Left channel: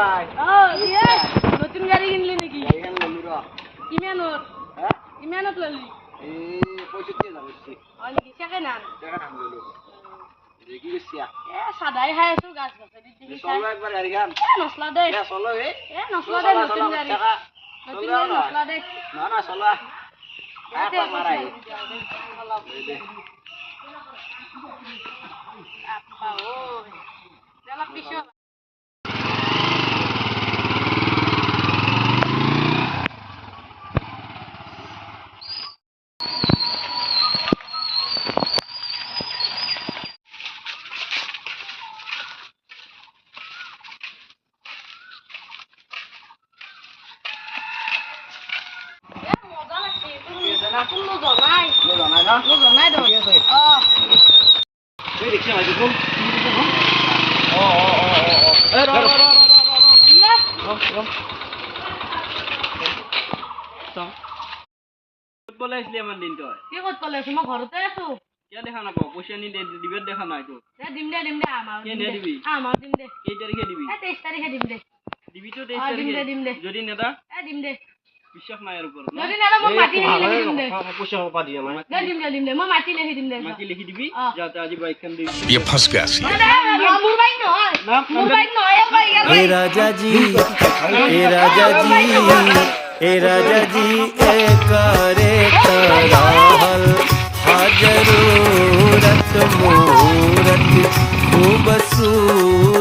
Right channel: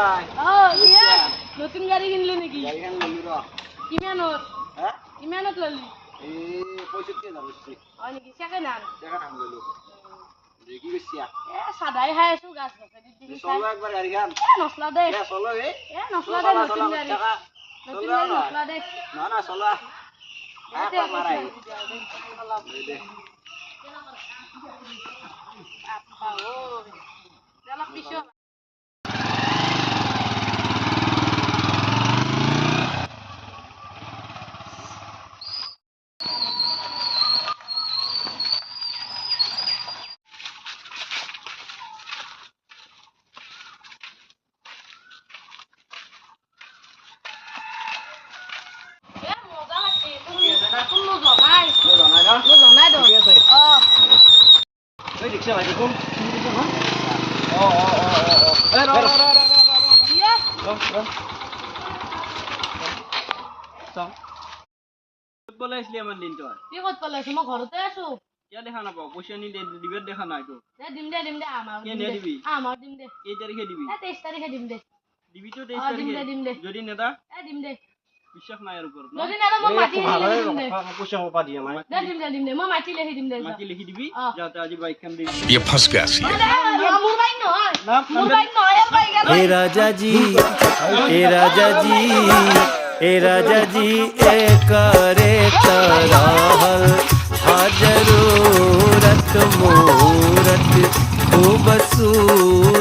ভাই নতুন গাড়ী কিনলি নেকি গাড়ীখন ললো ৰ কিমানত হা কিমানত ললি এই 65,000 বেছি হয় নেকি চেকেণ্ড হেণ্ড দেখা নাম ললো দেখি গৈছিয়া সাদাই খাই আছো গাছ গছনি দেখি চলো একবার গাড়ীখন নচলা দে চলো নচলা দে নতুন গাড়ী নতুন গাড়ী নচলা দে না না চলো মারাই দে আপা ও চলা পিছো দেখা নাপাও পইচা নি দিবে দেখা নাই তো দিম দে দিবি আমার দিম দে এই তারিখে দিবি 23 তারিখে দিম দে দিবি তো 23 তারিখে দিম দে যদি নেদা দিম দে বিশ্বাস নাই আর উপর যদি নেলা মই মাটি লিখি দিম দে পইচা পা দিয়া নাই দিম দে মই মাটি লিখি দিম দে মাটি লিখি দিবি যাতে আজি বাইক খান দিবি ये फंस गया सी মোর বাইক নহয় মোর বাইক নহয় ए राजा जी ए राजा जी ए करे तरहल हाजरूरत मूरत खूबसूरत